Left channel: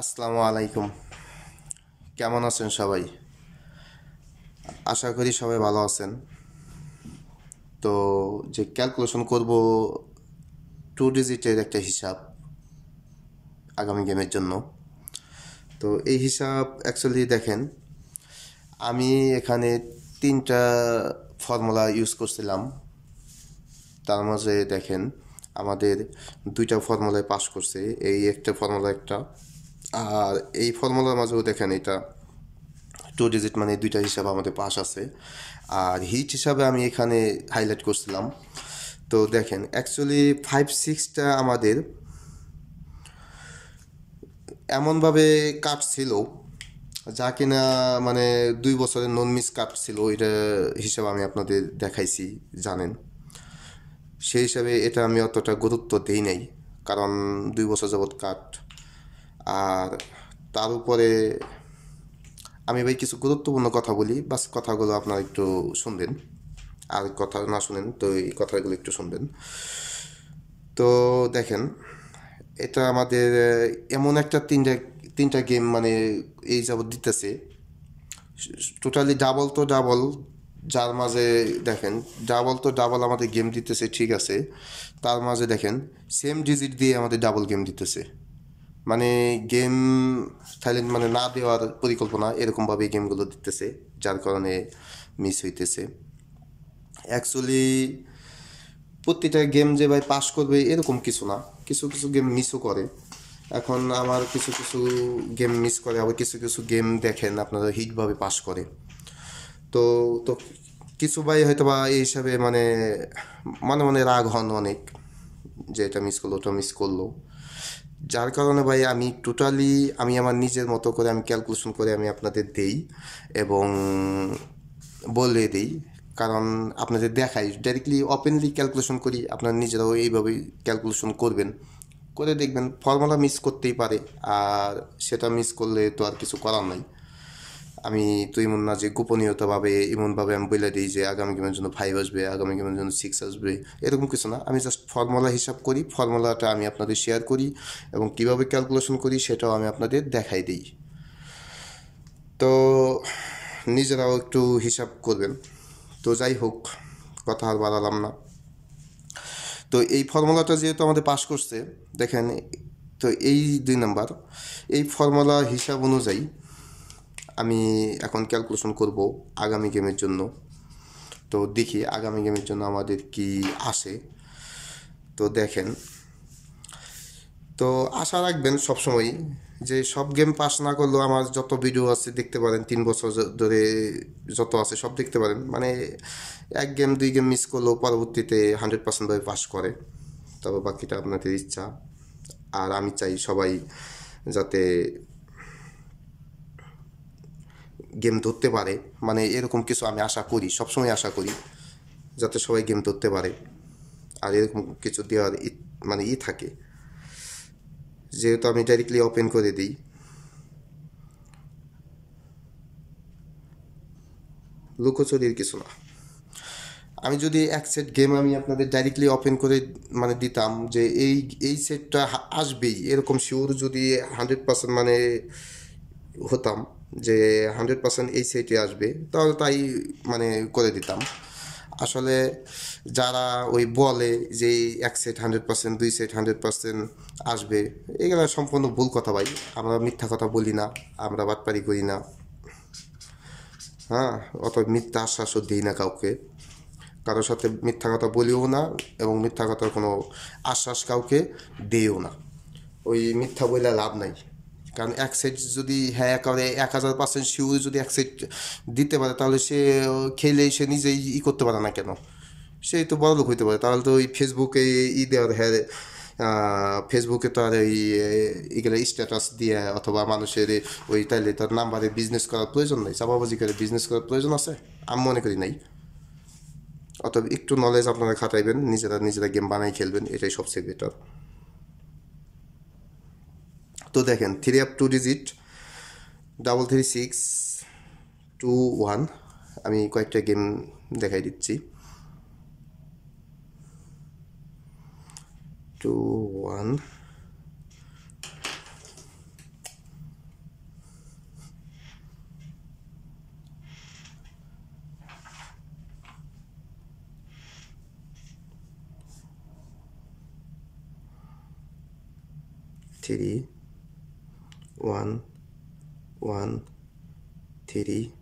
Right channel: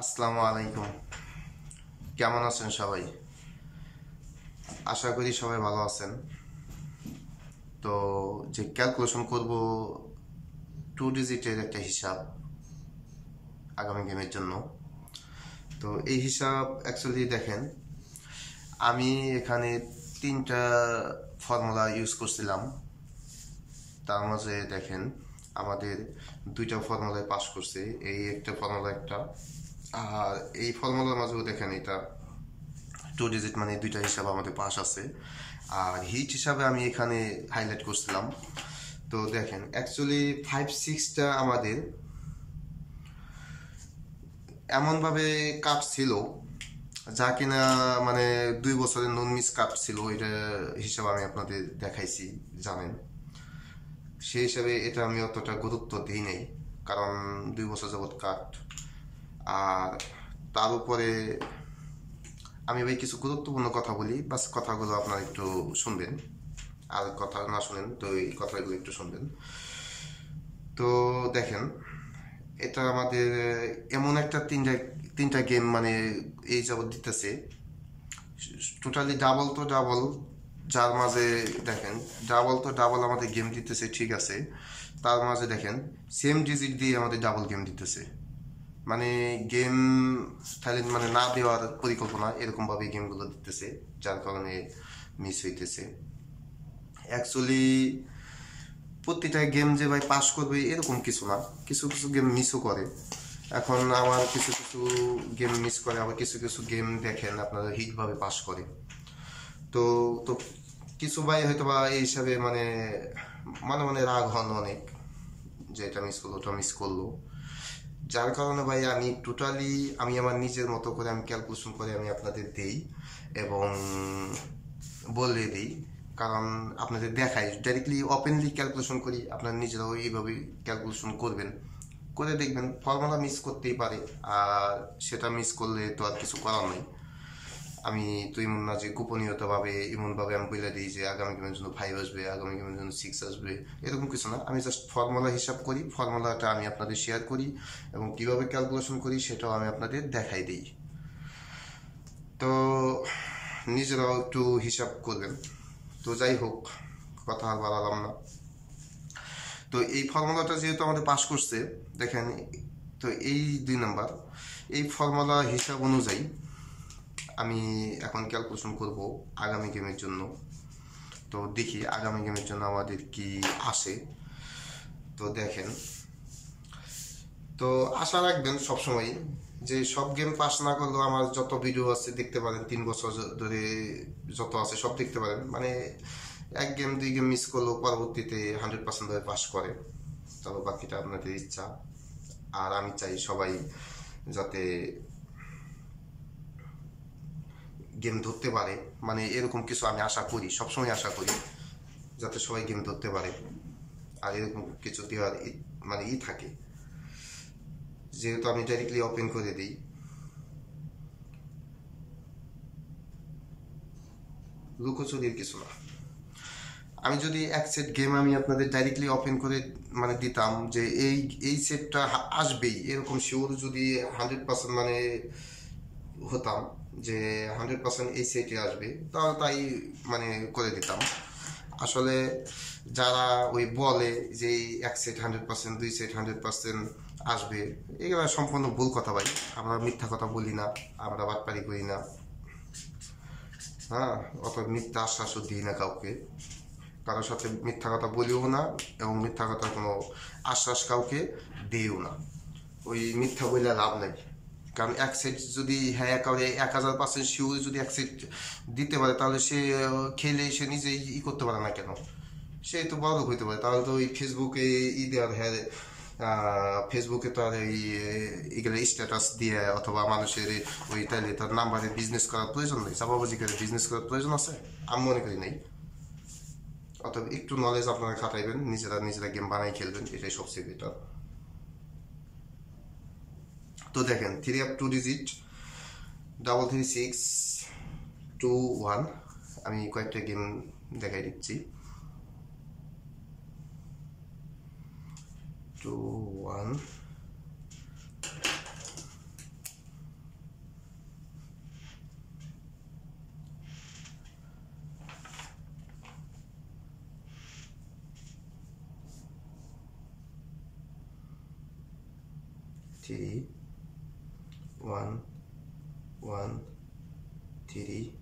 আসসালামু আলাইকুম। কেমন আছেন সবাই? আশা করি সবাই ভালো আছেন। তো যে ক্যালকুলেশন করব 2 ডিজিটের একটা হিসাব আগামী গেমের জন্য। তো এই হিসাব অ্যাকচুয়ালি দেখেন, আমি এখানে 3টা ফর্মুলা ইউজ করছিলাম। তার মাঝে দেখেন আমাদের 2টা ফর্মুলায় পাস করছে, এই একটা ফর্মুলা একটা, আর এই ফর্মুলার মাঝেও দেখেন এটা 2 ডিজিট, মানে 2টা হিসাব আমাদের পাস আছে। আর হিট হিসাবে আমি এখানে হাইলাইট করছিলাম। তো দেখেন অ্যাকচুয়ালি 5-6টা আমাদের এমনভাবে কাটছিল যা কিনা মানে 2 বছরের নন মিস কাটছিল, এটা হিসাব আমি আপনাদের দেখাইছি, জানেন। সেই হিসাবে এটা আমি অতটা গুরুত্ব দিই নাই, কারণ 2 বছর যাবৎ কাট। আর তার উপরে আমি ভাই কিছু গুরুত্বপূর্ণ কথা বলি, বাস কথাগুলো আপনারা একটু শুনবেন। আর কথা না শুনেন তো এই কথাগুলো একটু শুনবেন। তো দেখেন, এটা আমাদের এমন একটা তিনটা গেম মানে এই যাবৎ দিতেছে, টোটালি ডাবল তো ডাবল। যার মাঝে দেখেন ডাবল তো ডাবল আমাদের গেম দিতেছে, ঠিক আছে। তার মাঝে দেখেন সেম ডিজিট দিয়ে আমাদের ডাবল গেম দিতেছে, মানে গেম থাইল্যান্ড মানে না দেওয়ার পরিকল্পনা এরকমভাবে গেমগুলো দিতেছে, যার কারণে মিস হইতেছে। অ্যাকচুয়ালি প্রতিটা গেম যে ভাই পাস করবে এরকম কিছু না, কিছু কিছু গেম মিসও করে। এখন আমার কিছু কিছু গেম মিস করে, আবার কিছু কিছু গেম দেখেন আপনারা হিটভাবে পাস করে। তো তো কিছু ভাই হয়তো বা এই হিসাবে মানে মনে মনে রাগ হন অনেক, যে এটা মিস করলো ওটা মিস করলো। যার কারণে ভাই আমি টোটালি আমি আমার নিজের মতো করে আমি ক্যালকুলেশন করে আমি আপনাদের দেই এবং বলে দিই। কারণ আপনাদের দেখাই ডাইরেক্টলি ওপেনলি ক্যালকুলেশন করি, আপনারা নিজেরাও এইভাবেই ক্যালকুলেশন করবেন, করে দেখবেন ফর্মুলা মিস করতেই পারে। আর সেটা মিস করলে তো আর কিছু করার নাই। আমি তো এমন না যে গোপনীয়তাভাবে এমনভাবে আমি বলে দিই যে আগামী গেমের জন্য 5 আসবে, আগামী গেমের জন্য 6 আসবে, এরকম কিছু না। আমি জাস্ট ফর্মুলা হিসাব করি, ফর্মুলাটা আমি আপনাদের শেয়ার করি এবং কীভাবে ক্যালকুলেশন করি সেটাও আমি আপনাদের দেখাই দিই। তো নিজেরাও একটু হিসাব করবেন। তো যাই হোক, কথা আর বাড়ালাম না। তো এই ফর্মুলাটা যেহেতু আমাদের পাস করছে, দেখেন, তো এই 2 নাম্বার এই ফর্মুলা হিসাব অনুযায়ী আমি এখন ক্যালকুলেশন করব আগামী গেমের জন্য। তো দেখি আগামী গেমের জন্য আমাদের কি আসে। তো দেখেন, তো আশা রাখবেন সবসময় যে সব গেম পাস না করলেও আমার যত ভিডিও আছে দেখতে পারেন, 3 বছর ধরে যত আছে সব দেখতে পারেন। মানে 1 গেম 2 গেম মিস করলেও পরবর্তীতে 100% ভাবে পাস করে। তবে বাকিটা আপনাদের ইচ্ছা। আর আমি চাই সবাই যাতে গেম ধরতে পারে, মানে এরকম কিছু আমি আশা করি, সবসময় আশা করি যাতে সবাই গেম ধরতে পারে। আর এরকম কিছু দেওয়ার মানে থাকে, যেহেতু আমি ডাইরেক্টলি ওপেন করে দিই। লুকোচুরির কিছু না। আমি যদি এক সেট গেম আমি আপনাদের ডাইরেক্টলি ওপেন করে মানে দিতাম যে এই এই সেটটা আসবেই, এরকম শিওর যদি 100% মানে হতাম যে 100% এই সেটে আসবে, তাহলে তাই মানে করে দিতাম। আসলে যারা ওই বলে যে এক সেট 100%, 2 সেট 100% আসবে, এগুলো সম্পূর্ণ ভুল কথা ভাই। আমরা মিথ্যা কথা বলি না, আমরা বাটপারি করি না, হ্যাঁ। অত মিথ্যা আশ্বাসও দিই না কাউকে, কারোর সাথে মিথ্যা কথা বলিও না এবং মিথ্যা কথার কোনো আশ্বাস কাউকে দিও না। ওই মিথ্যা বলে লাভ নাই। কারণ এক সেট যদি হ্যাঁ একেবারে 1000% শিওর যদি এক সেট দিতে পারে, তাহলে সে খেলে সে নিজেই করতে পারে না কেন? সে তো বড়লোক হইতে পারে। তাহলে তো ওই ফেসবুকে দেওয়ার হ্যাঁ, ফেসবুকে তো আর ওই এগুলো স্ট্যাটাস দিয়ে অথবা মানুষের ওই তাইলে তার নাম্বারে বিজনেস করার প্রয়োজন নেই, চাপাবাজি করে বিজনেস করার প্রয়োজন আছে? আমি মনে করি নাই। অতএব একটু নলেজ আপনারা খাটাইবেন, নিজেরা নিজেরা গেম বানাই খেলবেন, এটাই সবচেয়ে বেটার। তো দেখেন 3 up 2 digit 33621, আমি কয়েকটা গেম দেখাই দিচ্ছি। 2 1 3 1 1 3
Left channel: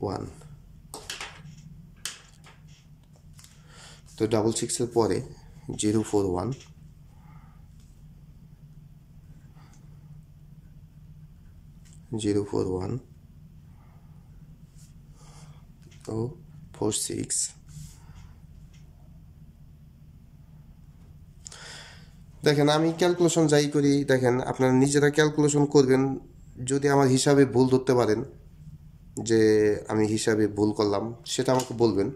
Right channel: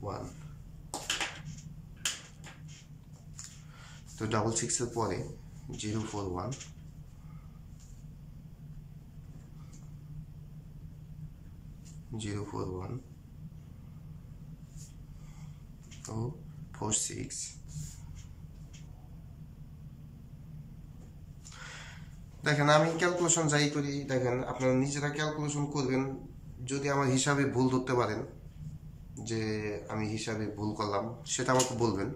1 তো 6 এর পরে 0 4 1 0 4 1 ও 4 6 দেখেন আমি ক্যালকুলেশন যাই করি দেখেন আপনারা নিজেরা ক্যালকুলেশন করবেন যদি আমার হিসাবে ভুল ধরতে পারেন যে আমি হিসাবে ভুল করলাম সেটা আমাকে বলবেন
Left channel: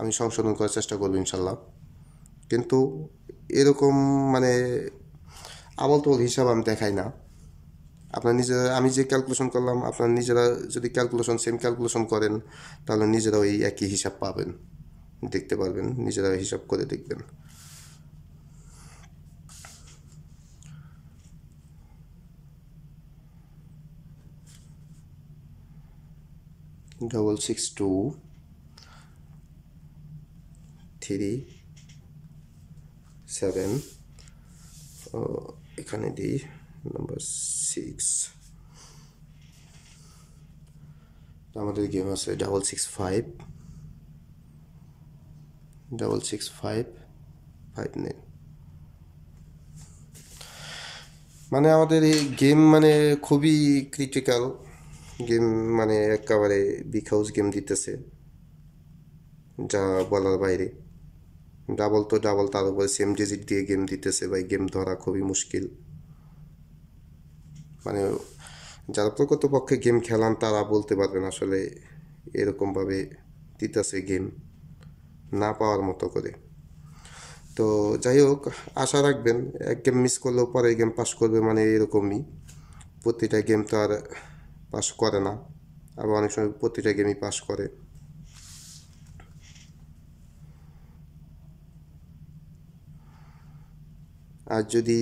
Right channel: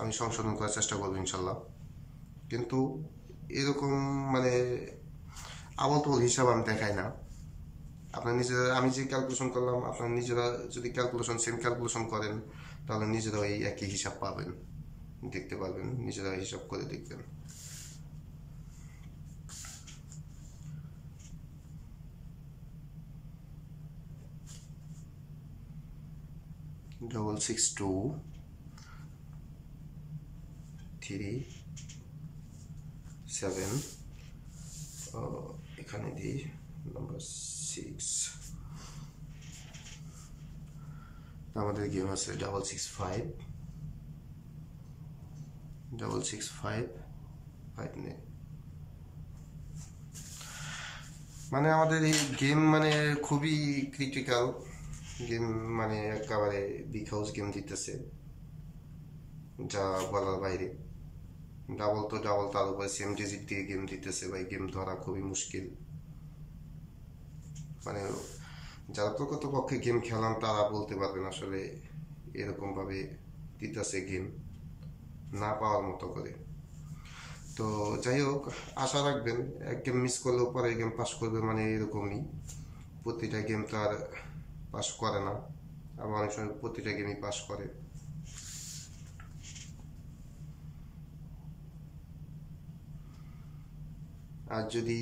আমি সংশোধন করার চেষ্টা করব ইনশাল্লাহ কিন্তু এরকম মানে আবল তবল হিসাব আমি দেখাই না আপনার নিজেরা আমি যে ক্যালকুলেশন করলাম আপনার নিজেরা যদি ক্যালকুলেশন সেম ক্যালকুলেশন করেন তাহলে নিজেরা ওই একই হিসাব পাবেন দেখতে পারবেন নিজেরা হিসাব করে দেখবেন double 6 2 3 7 এখানে দিই নাম্বার 6 আমাদের গেম আছে double 6 5 double 6 5 5 নেই মানে আমাদের এই গেম মানে খুবই ক্রিটিক্যাল গেম মানে একেবারে বিগ হাউস গেম দিতেছে যা বলার বাইরে ডাবল তো ডাবল তার উপরে সেম ডিজিট দিয়ে গেম দিতেছে ভাই গেম ধরা খুবই মুশকিল মানে যারা প্রকৃতপক্ষে গেম খেলান তারা বলতে পারবেন আসলে এরকমভাবে দিতেছে গেম না পাওয়ার মতো করে তো যাই হোক আশা রাখবেন এক গেম মিস করলেও পরে গেম পাস করবে মানে এরকমই প্রতিটা গেম তো আর পাস করে না আবার অনেক সময় প্রতিটা গেমই পাস করে আর যদি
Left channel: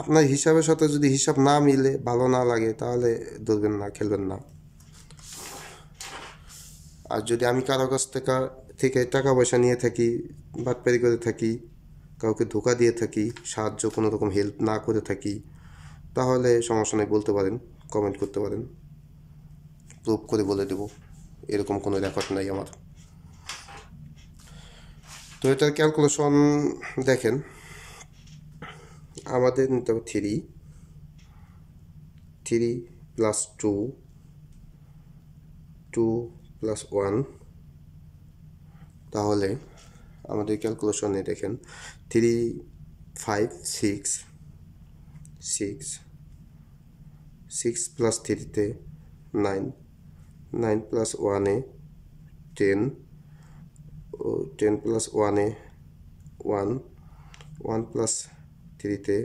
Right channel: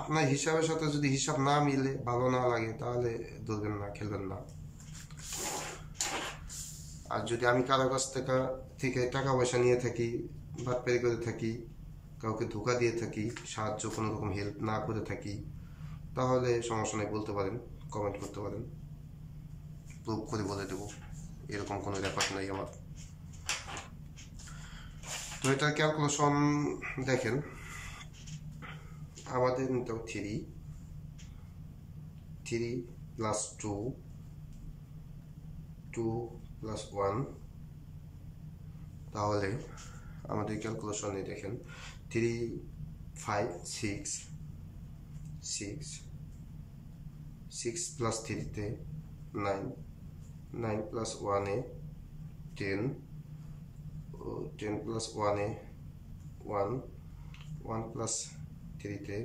আপনার হিসাবের সাথে যদি হিসাব না মিলে ভালো না লাগে তাহলে ধরবেন না খেলবেন না আর যদি আমি কারো কাছ থেকে টাকা পয়সা নিয়ে থাকি বাটপারি করে থাকি কাউকে ধোকা দিয়ে থাকি সাহায্য কোনো রকম হেল্প না করে থাকি তাহলে সমস্যা নেই বলতে পারেন কমেন্ট করতে পারেন প্রুভ করে বলে দেব এরকম কোনো রেকর্ড নাই আমার তো এটার ক্যালকুলেশন দেখেন আমাদের নিতে হবে 3 প্লাস 2 প্লাস 1 তাহলে আমাদের ক্যালকুলেশনে দেখেন 3 5 6 প্লাস 3 তে 9 প্লাস 1 এ 10 10 প্লাস 1 এ 1 প্লাস 3 তে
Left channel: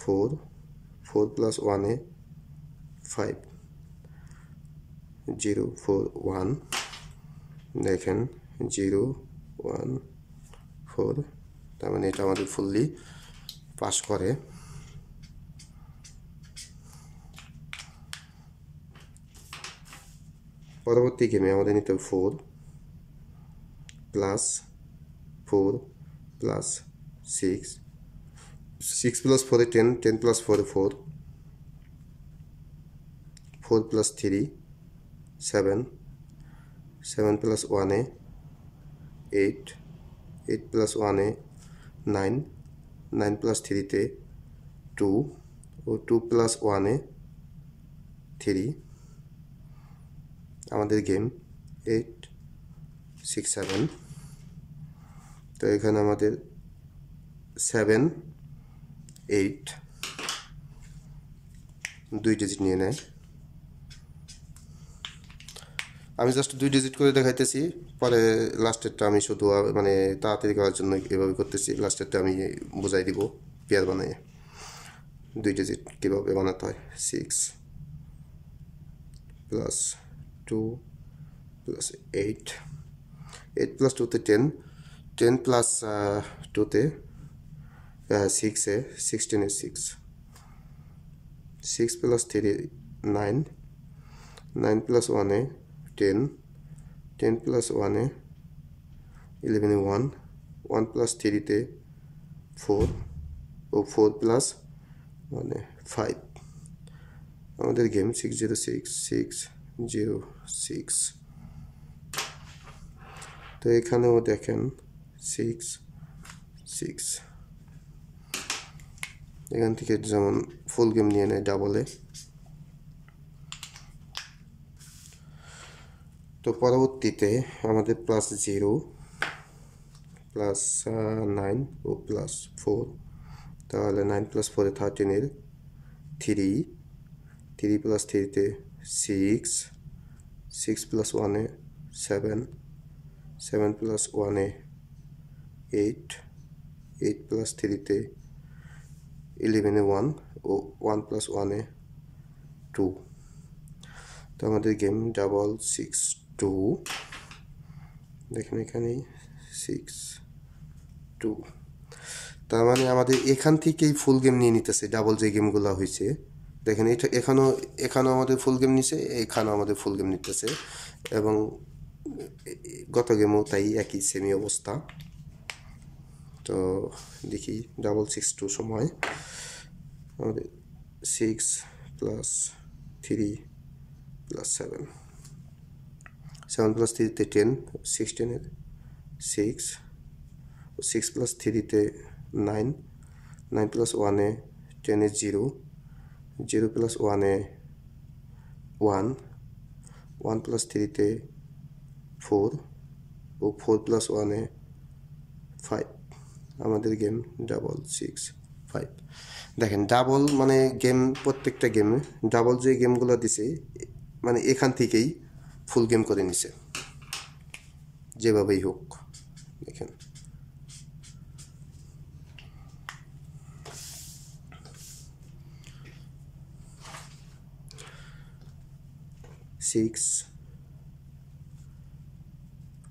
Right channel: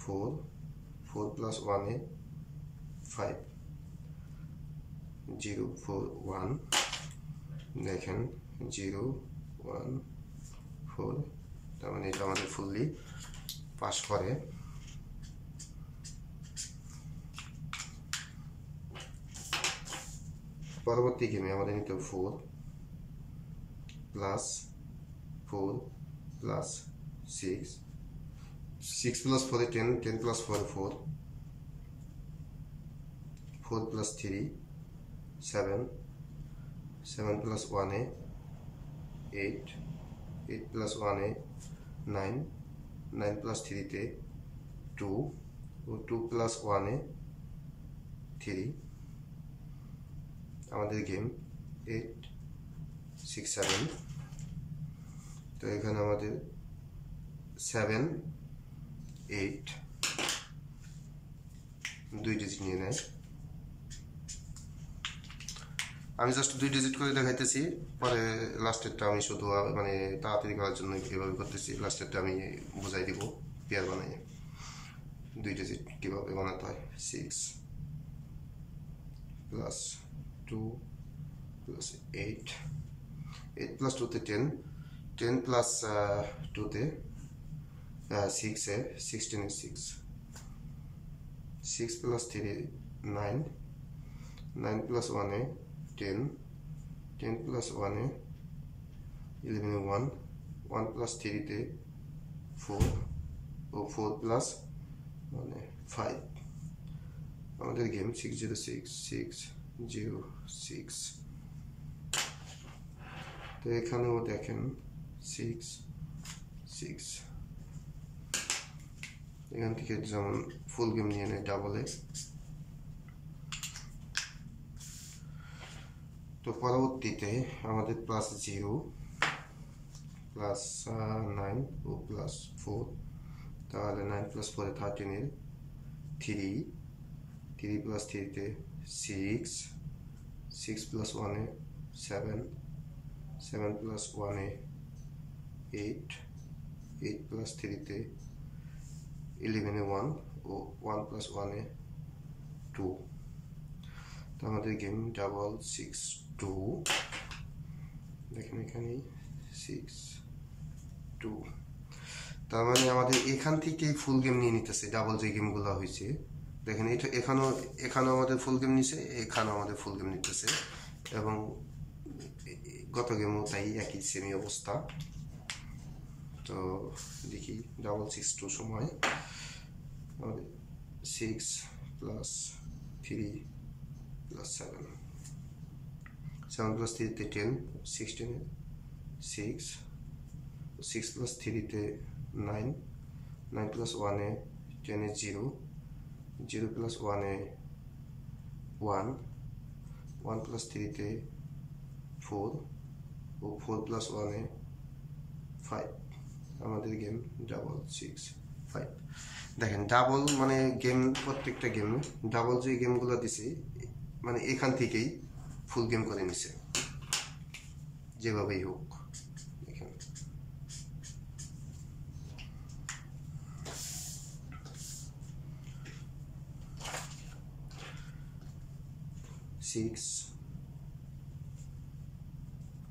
4 প্লাস 1 এ 5 0 4 1 দেখেন 0 1 4 তার মানে এটা আমাদের ফুললি পাস করে পরবর্তী গেমে আমাদের নিতে 4 প্লাস 6 প্লাস 4 এ 10 প্লাস 4 এ 4 প্লাস 3 7 প্লাস 1 এ 8 প্লাস 1 এ 9 প্লাস 3 তে 2 ও 2 প্লাস 1 এ 3 আমাদের গেম 8 6 7 তো এখানে আমাদের 7 8 2 ডিজিট নিয়ে নেয় আমি জাস্ট 2 ডিজিট করে দেখাইতেছি পরে লাস্টেরটা আমি শুধু মানে তাড়াতাড়ি করার জন্য এভাবে করতেছি লাস্টেরটা আমি বুঝাই দিব পেয়ার বানাই 2 ডিজিট কীভাবে বানাতে হয় 6 প্লাস 2 প্লাস 8 প্লাস 2 তে 10 প্লাস 2 তে 6 এ 16 এ 6 প্লাস 3 9 প্লাস 1 এ 10 প্লাস 1 এ 11 এ 1 প্লাস 3 তে 4 ও 4 প্লাস 1 5 আমাদের গেম 606 তো এখানেও দেখেন 6 6 এখান থেকে যেমন ফুল গেম নিয়ে নেয় ডাবলে। তো পরবর্তীতে আমাদের +0 +9 ও +4 তাহলে 9 + 4 13 এর 3 3 + 3 তে 6 6 + 1 এ 7 7 + 1 এ 8 8 + 3 তে 11 এ 1 ও 1 + 1 এ 2 তো আমাদের গেম 662 দেখেন এখানে 62 তার মানে আমাদের এখান থেকেই ফুল গেম নিয়ে নিতেছে ডাবল যে গেমগুলো হয়েছে দেখেন এটা এখানেও আমাদের ফুল গেম নিছে এখানেও আমাদের ফুল গেম নিতেছে এবং গত গেমও তাই একই সেমি অবস্থা। তো দেখি 662 সময় আমাদের 6 + 3 + 7 7 + 3 তে 10 16 এর 6 6 + 3 তে 9 9 + 1 এ 10 এ 0 0 + 1 এ 1 1 + 3 তে 4 ও 4 + 1 এ 5 আমাদের গেম 665 দেখেন ডাবল মানে গেম প্রত্যেকটা গেমে ডাবল যে গেমগুলো দিছে মানে এখান থেকেই ফুল গেম করে নিছে যেভাবেই হোক। দেখেন 6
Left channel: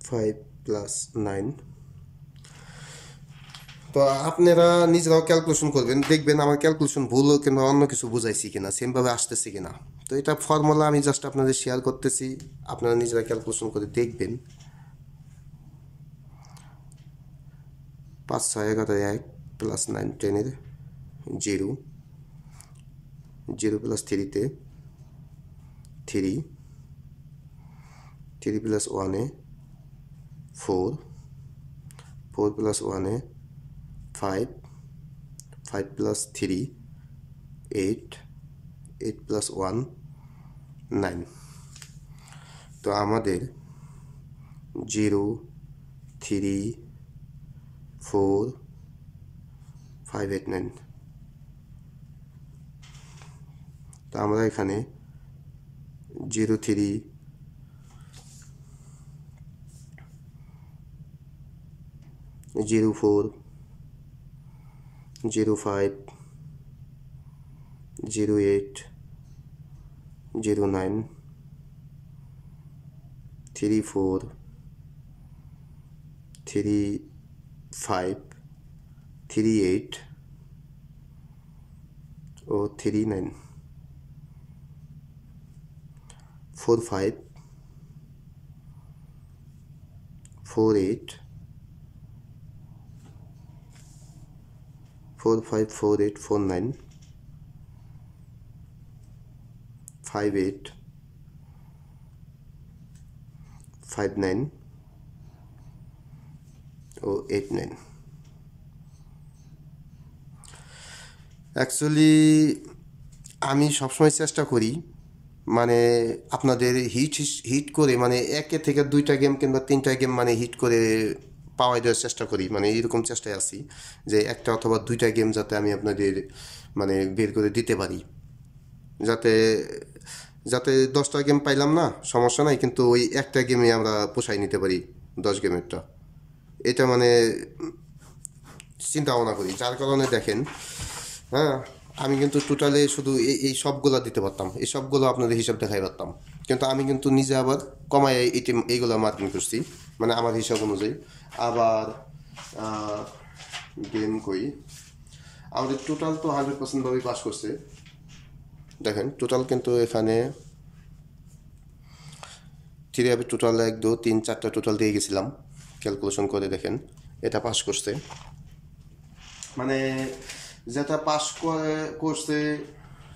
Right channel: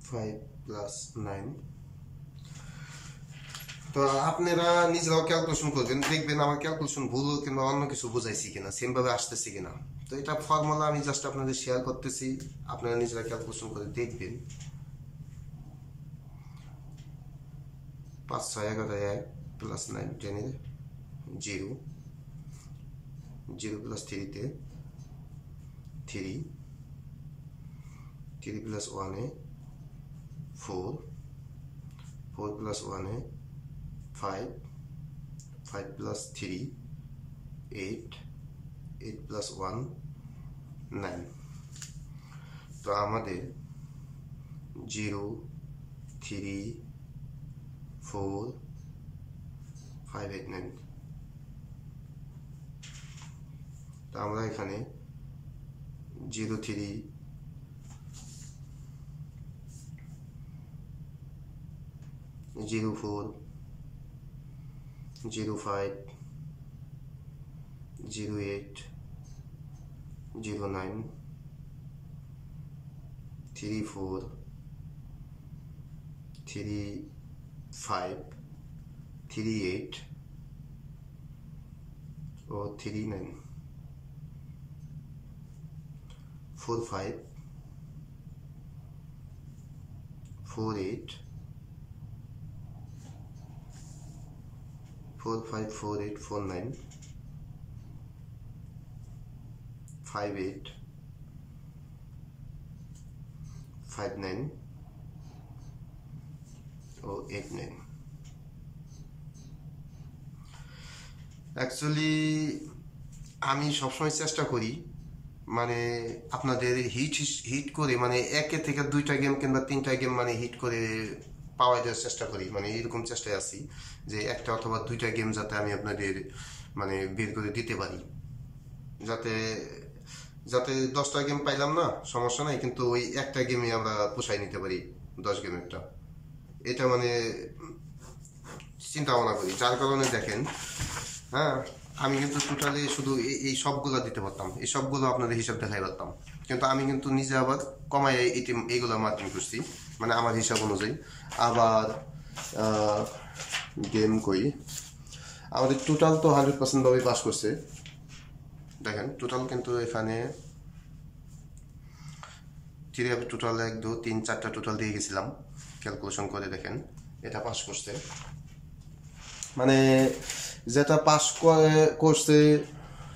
5 + 9 তো আপনারা নিজেরাও ক্যালকুলেশন করবেন দেখবেন আমার ক্যালকুলেশন ভুল কিংবা অন্য কিছু বুঝাইছি কিনা সেমভাবে আসতেছি কিনা। তো এটা ফর্মুলা আমি জাস্ট আপনাদের শেয়ার করতেছি আপনারা নিজেরা ক্যালকুলেশন করে দেখবেন। 5 6 11 1 + 9 10 এর 0 0 + 3 তে 3 3 + 1 এ 4 4 + 1 এ 5 5 + 3 8 8 + 1 9 তো আমাদের 0 3 4 5 8 9 তো আমরা এখানে 0 3 0 4 0 5 0 8 0 9 3 4 3 5 3 8 ও 3 9 4 5 4 8 4 5 4 8 4 9 5 8 5 9 ও 8 9 অ্যাকচুয়ালি আমি সবসময় চেষ্টা করি মানে আপনাদের হিট করে মানে 1 থেকে 2টা গেম কিংবা 3টা গেম মানে হিট করে পাওয়াই দেওয়ার চেষ্টা করি মানে এরকম চেষ্টায় আছি যে 1টা অথবা 2টা গেম যাতে আমি আপনাদের মানে বের করে দিতে পারি যাতে যাতে 10টা গেম পাইলাম না সমস্যা নাই কিন্তু ওই একটা গেমে আমরা পোষাই নিতে পারি 10 গেমেরটা এটা মানে চিন্তা ভাবনা করি যার কারণে দেখেন হ্যাঁ আমি কিন্তু টোটালি শুধু এই সবগুলো দিতে পারতাম এই সবগুলো আপনাদের হিসাব দেখাই পারতাম কিন্তু আমি কিন্তু নিজে আবার কমায় এইগুলো মার্কিং করছি মানে আমার হিসাব অনুযায়ী আবার গেম কই আমাদের টোটাল তো 100% ভাবে পাস করছে দেখেন টোটাল কিন্তু এখানে আমি টোটাল 1 2 3 4টা টোটাল দিয়ে গেছিলাম ক্যালকুলেশন করে দেখেন এটা পাস করছে মানে যেটা পাস করছে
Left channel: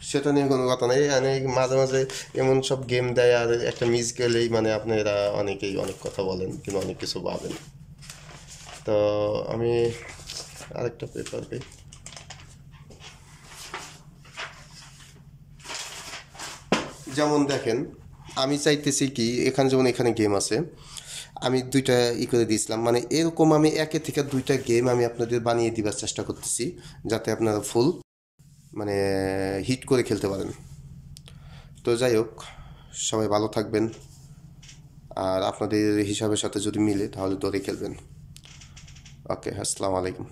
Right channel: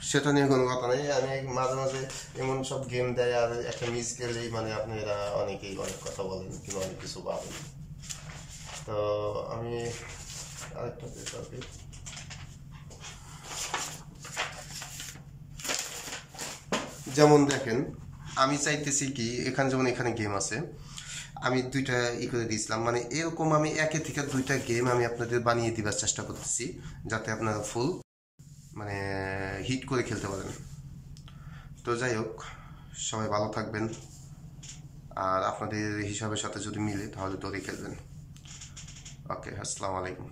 সেটা নিয়ে কোনো কথা নেই, মানে মাঝে মাঝে এমন সব গেম দেয় আর একটা মিস গেলেই মানে আপনারা অনেকেই অনেক কথা বলেন কিংবা অনেক কিছু ভাবেন। তো আমি আরেকটা পেপার দিই। যেমন দেখেন, আমি চাইতেছি কি এখানে যেমন এখানে গেম আছে, আমি দুইটা করে দিয়েছিলাম, মানে এরকম আমি একে থেকে দুইটা গেম আমি আপনাদের বানিয়ে দিবার চেষ্টা করতেছি যাতে আপনারা ফুল মানে হিট করে খেলতে পারেন। তো যাই হোক, সবাই ভালো থাকবেন, আর আপনাদের হিসাবের সাথে যদি মিলে তাহলে দৌড়ে খেলবেন। ওকে, আসসালামু আলাইকুম।